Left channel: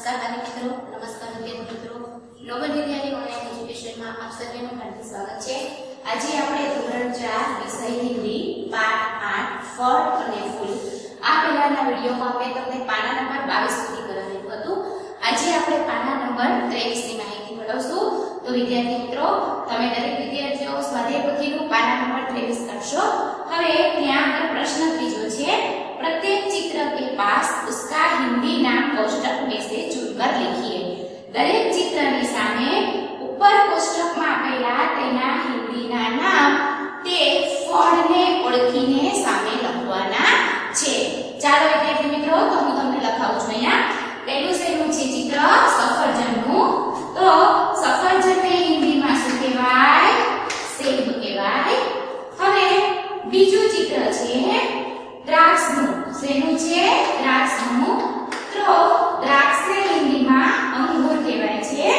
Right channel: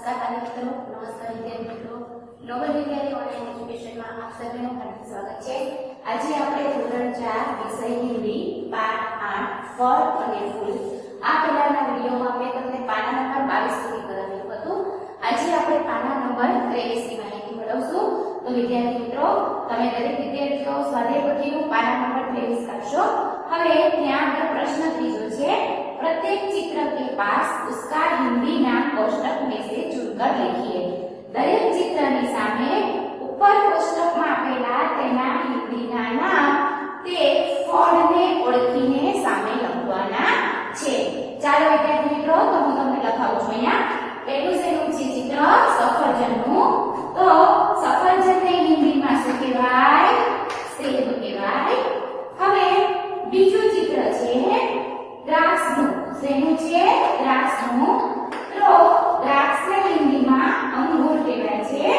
नमस्कार बालक मित्रों, नमस्कार विद्यार्थी मित्रों, नोबल विद्यालय ऑनलाइन एज्युकेशन में आप સર્વેનું હાર્દિક સ્વાગત છે। આજે આપણે ધોરણ 4 વિષય હિન્દી પાઠ 8 ફળ અને ફૂલ આ પહેલાના વિડિયોમાં અમે તમને પાના નંબર 22 સુધી કરાવ્યું હતું। આજે આપણે પાના નંબર 23 ની માહિતી મેળવશું। તો વિદ્યાર્થી મિત્રો, તમે દરેક વિદ્યાર્થીઓ સ્વાધ્યાય પોથીનું પાના નંબર 23 કાઢશો। હવે ત્યાં આગળ પ્રશ્ન ત્રીજો છે, प्रत्येक चित्र के पास उसका हिंदी नाम कोष्टक में से चुनकर लिखिए। दरेक चित्रनी सामे ऊपर कोष्टक में आपेला तेना हिंदीना नाम ते फळने ओळखीने सामे लखवाना छे। चालो विद्यार्थी मित्रों, तो હું તમને લખાવું છું અહીંયા। પહેલું શેનું છે ચિત્ર? સફરજનનું। તો સફરજનને હિન્દીમાં શું કહેવાય? સેબ કહેવાય। હવે બીજું ચિત્ર છે દ્રાક્ષનું। શેનું છે? દ્રાક્ષનું। તો દ્રાક્ષને હિન્દીમાં અંગૂર કહેવાય છે।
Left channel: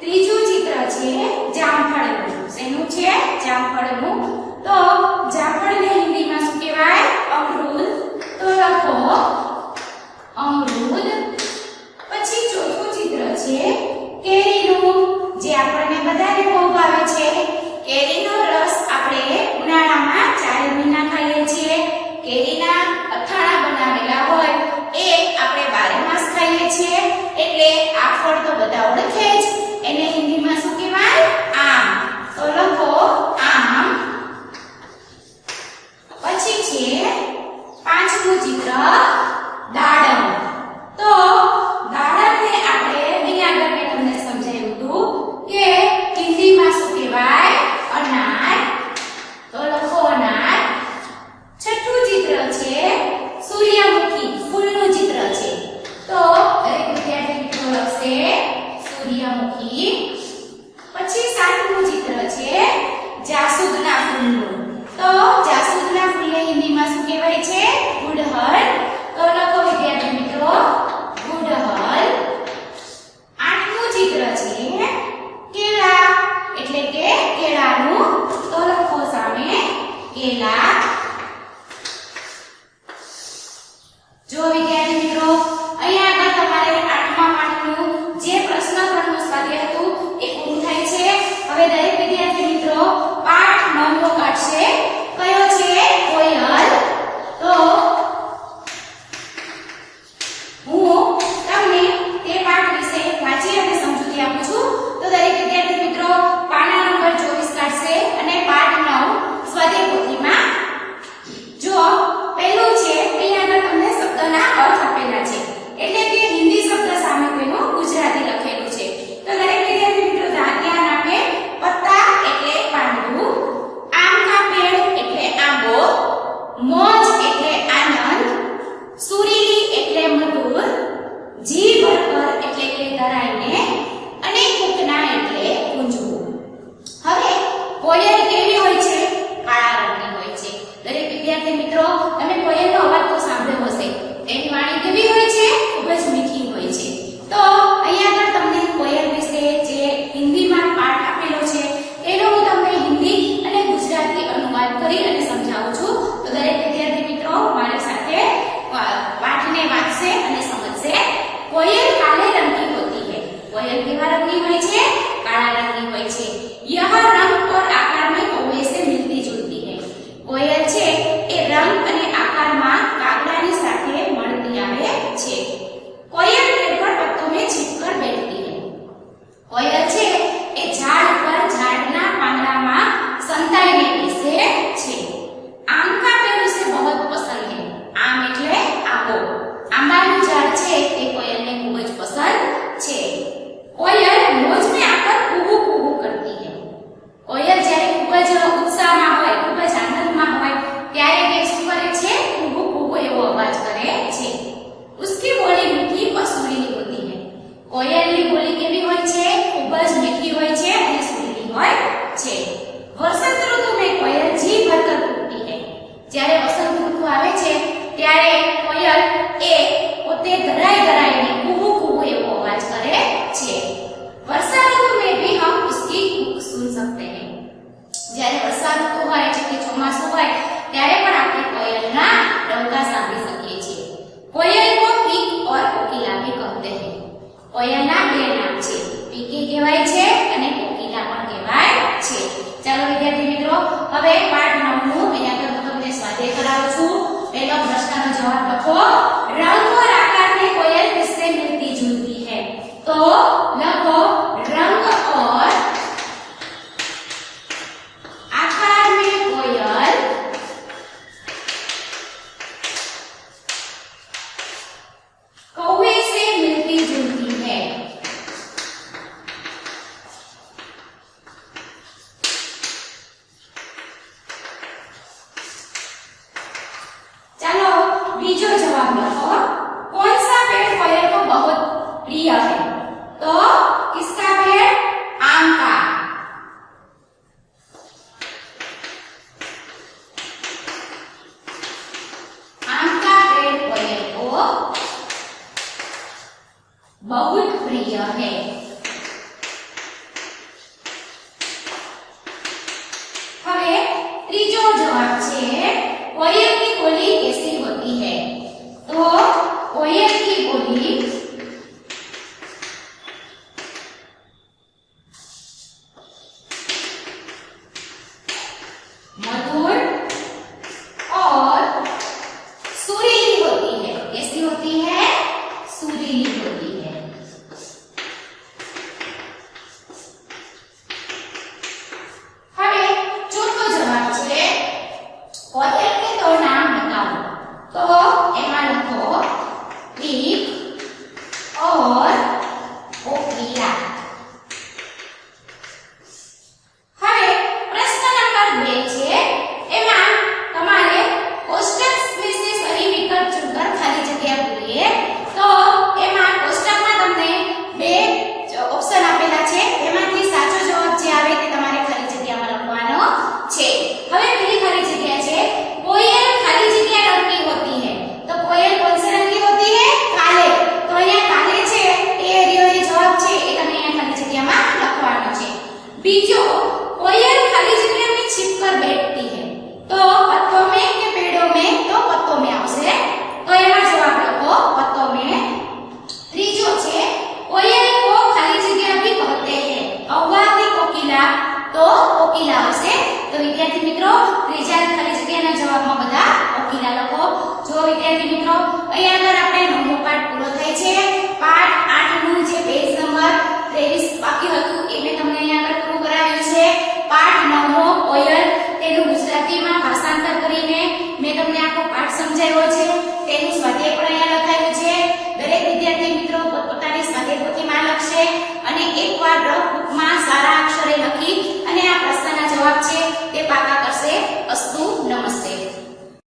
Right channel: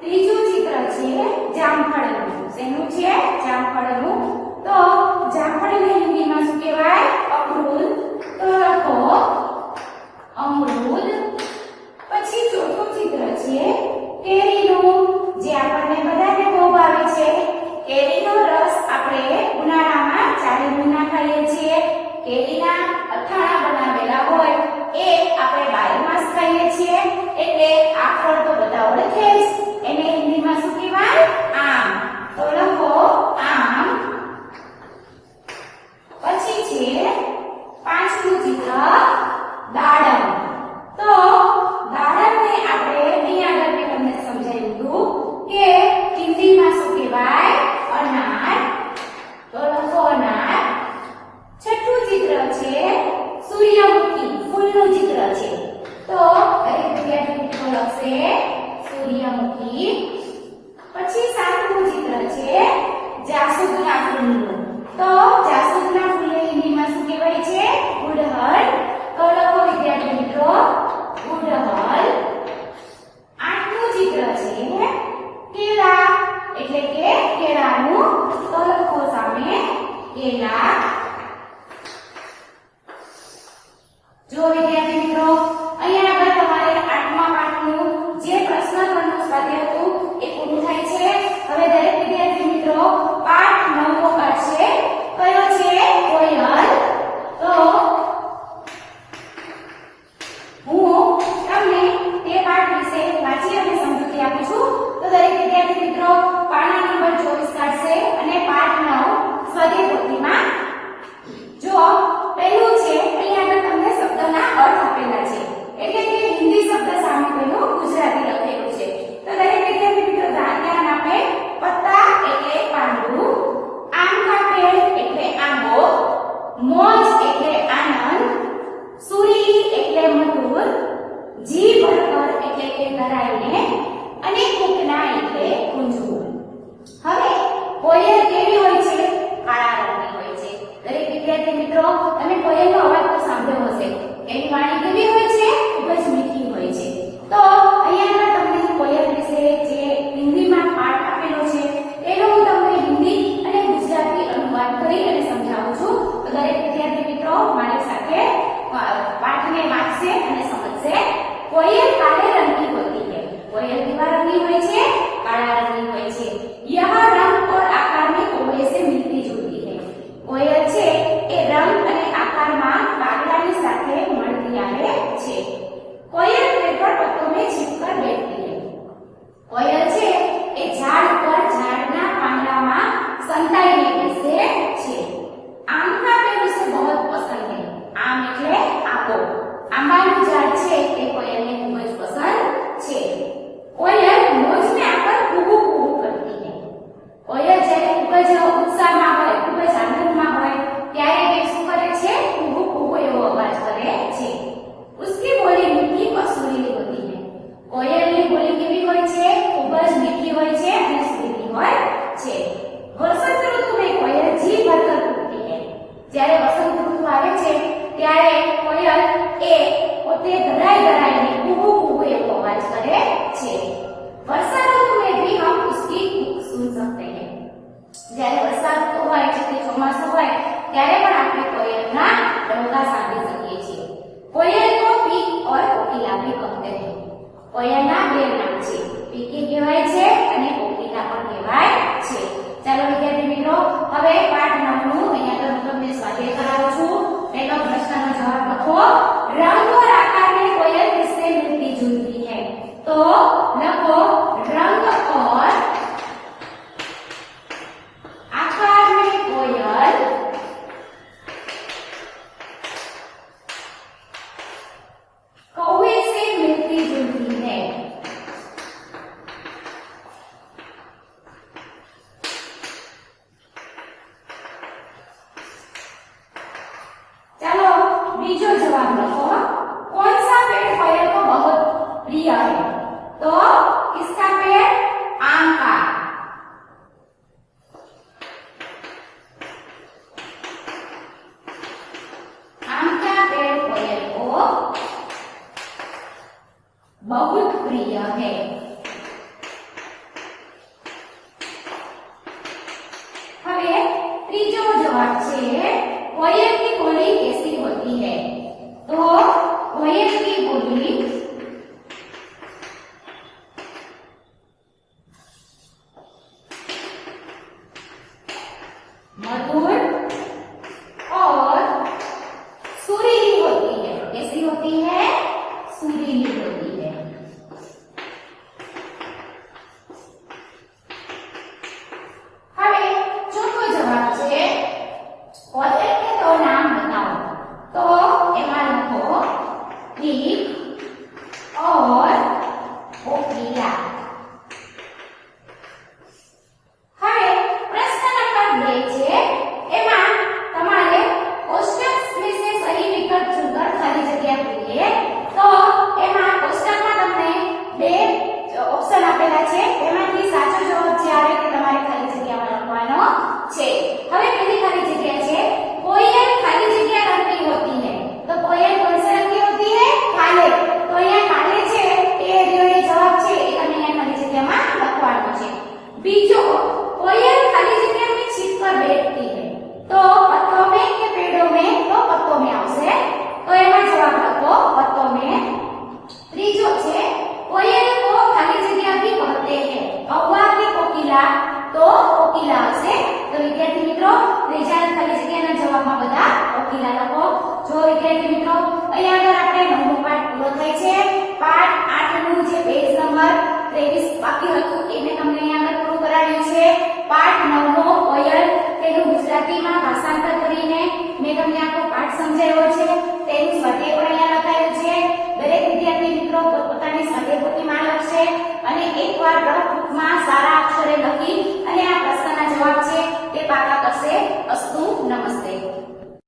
ત્રીજું ચિત્ર છે જામફળનું। શેનું છે? જામફળનું। તો જામફળને હિન્દીમાં શું કહેવાય? અમરૂદ। તો લખો અમરૂદ। પછી ચોથું ચિત્ર છે કેરીનું, જે આપણને બધાને બહુ ભાવે છે। કેરીનો રસ આપણે ઉનાળામાં 4 મહિના ખાઈએ છીએ। કેરીના અથાણા બનાવેલા હોય એ આપણે 12 માસ ખાઈએ છીએ। એટલે આ ફળ તો બધા ઓળખે જ। એને હિન્દીમાં શું કહેવાય? આમ। તો લખો આમ। પછી છે પાંચમું ચિત્ર દાડમ। તો દાડમને આપણે અહીં આગળ મેં તમને સમજાવ્યું હતું કે હિન્દીમાં શું કહેવાય? અનાર। તો લખો અનાર। છઠ્ઠું ચિત્ર છે સૂર્યમુખી, ફૂલનું ચિત્ર છે। તો દરેક વિદ્યાર્થી મિત્રો લખશે સૂર્યમુખી। પછી સાતમું ચિત્ર છે જાસૂદના ફૂલનું। તો જાસૂદના ફૂલને હિન્દીમાં શું કહેવાય છે? ગુડહલ। તો લખો વિદ્યાર્થી મિત્રો ગુડહલ। આઠમું ચિત્ર છે કેળા, એટલે કે કેળાનું। તો લખો સામે કેળા। જો વિદ્યાર્થી મિત્રો, અહીંયા આગળ તમારે 8મા પાઠનું જે પ્રશ્ન 3નું સ્વાધ્યાય હતું એ પૂરું થાય છે। હવે દરેક વિદ્યાર્થી મિત્રો પાઠ 9નો કાઢશે। કયો છે? કોયલ। તો હું તમને તે પાઠ વિશે વાંચી અને સમજૂતી આપું છું। તો દરેક વિદ્યાર્થી મિત્રો પાના નંબર 24 કાઢશે અને પાઠ 9 સ્વાધ્યાય પોથીમાં જો પહેલું છે અહીંયા આગળ તમને શબ્દના અર્થ આપેલા છે, એટલે કે હિન્દી શબ્દ સામે તેનું ગુજરાતી લખેલું છે। તો દરેક વિદ્યાર્થી મિત્રો ધ્યાન આપે। પત્તા એટલે પાંદડું, આમ કા પેડ એટલે આંબો, મોજ એટલે આનંદ, સુરીલી એટલે મધુર, જી ભરકર એટલે કે ધરાઈને, અને કુકના એટલે ગુંજવું। હવે કોયલ કેવી હોય છે? કાળા રંગની હોય છે। દરેક વિદ્યાર્થી મિત્રો તમે કોયલનો અવાજ તો સાંભળ્યો હશે। તેની વાણી કેવી હોય છે? ખૂબ જ મીઠી હોય છે। તો અહીંયા આગળ તમને કોયલ વિશે જે હિન્દીમાં પાઠ આપેલો છે એનો હું તમને હિન્દી અને ગુજરાતી અનુવાદ કરી અને સમજાવું છું। તો દરેક વિદ્યાર્થી મિત્રો મારી સાથે પાઠને વાંચશે અને સમજશે। કોયલ કાલે રંગ की होती है। कोयल કેવા રંગની હોય છે? કાળા રંગની હોય છે। यह रंग और आकार में कौवे से मिलती जुलती है। कोयल છે એ રંગ અને આકારમાં કાગડાની સાથે મળતી આવે છે। कोयल पेड़ पर पत्तों में छिपकर बैठती है। कोयल છે એ ઝાડ પર ઝાડના પાંદડામાં સંતાઈને બેસે છે। आम का पेड़ उसे बहुत पसंद है। आम એટલે આંબો। આંબાનું ઝાડ છે તે કોયલને ખૂબ જ પસંદ છે। कोयल मौज में आकर कूहू कूहू करती है। कोयल જ્યારે ખૂબ જ ઉત્સાહમાં હોય, ખૂબ જ આનંદમાં હોય ત્યારે તે શું કરે છે? કૂહુ કૂહુ એવો અવાજ કરે છે। उसकी बोली मीठी और सुरीली होती है। कोयलની બોલી કેવી હોય છે? ખૂબ જ મીઠી હોય છે અને સુરીલી હોય છે। वसंत ऋतु में कोयल जी भरकर कूकती है। જ્યારે વસંત ઋતુ આવે છે ત્યારે કોયલ એ પોતે ધરાઈને કૂહુ કૂહુ એવો અવાજ કરે છે। वर्षा ऋतु में भी हम उसकी कूक सुन सकते हैं। જ્યારે વર્ષા ઋતુ હોય એટલે કે ચોમાસું હોય ત્યારે પણ આપણે કોયલના ડંકા સાંભળી શકીએ છીએ। कोयल को पीक और कोकिला भी कहते हैं। रंग और आकार में कोयल किससे मिलती जुलती है? तो लखो रंग और आकार में कोयल कौवे से मिलती जुलती है। चलो बीजो जवाब लखो कौन सा पेड़ कोयल को बहुत प्रिय है? तो किसका पेड़? आम का। आम का पेड़ कोयल को बहुत प्रिय है। હવે ત્રીજો જવાબ છે कोयल की बोली कैसी होती है? तो कोयल की बोली मधुर और सुरीली होती है। कैसी होती है? सुरीली होती है। હવે ચોથો જવાબ છે कोयल के दो नाम बताओ। तो एमा लखो टीक और कोकिला। હવે પ્રશ્ન નંબર 2 છે એમાં તમારે કોષ્ટક વિશે સહી વિકલ્પ ચૂનकर ખાલી જગ્યા પૂરીએ। તો એમાં કોષ્ટકમાં તમને બે ઓપ્શન આપેલા છે તેમાંથી સાચો જવાબ જે આવે તે તમારે ખાલી જગ્યામાં લખવાનો છે। હવે પહેલી ખાલી જગ્યા છે कोयल खाली जगह रंग की होती है। तो कोयल कौन से रंग की होती है? काले। तो यहाँ काले छे ए रियो ये जवाब छे ए तमे यहाँ खाली जगह में लखवानो छे। बीजो कोयल खाली जगह में छिपकर बैठती है। तो पत्तों में के पेड़ों में? तो पत्तों में आवशे। तो एमा जवाब लखो पत्तों में। त्रीजो छे कोयल को खाली जगह भी कहते हैं। कौवा की कोकिला? तो कोकिला आवशे। तो विद्यार्थी मित्रों त्रीजा खाली जग्याना जवाबमां बधा कोकिला लखो। जो विद्यार्थी मित्रों અહીં આગળ આપણે નવમો પાઠ પૂરો થાય છે। પાઠ 8 નું જે પેજ નંબર 23 બાકી હતું એ મેં તમને અહીં આગળ પૂરું કરાવ્યું છે। પાઠ 9મો કોયલ તેનું ગુજરાતીમાં ભાષાંતર કરીને મેં તમને આખો પાઠ સમજાવ્યો છે। તેનું સ્વાધ્યાય પણ અહીંયા લખાયું છે। દરેક વિદ્યાર્થી મિત્રો પોતાની સ્વાધ્યાય પોથીમાં લખશે અને એકવાર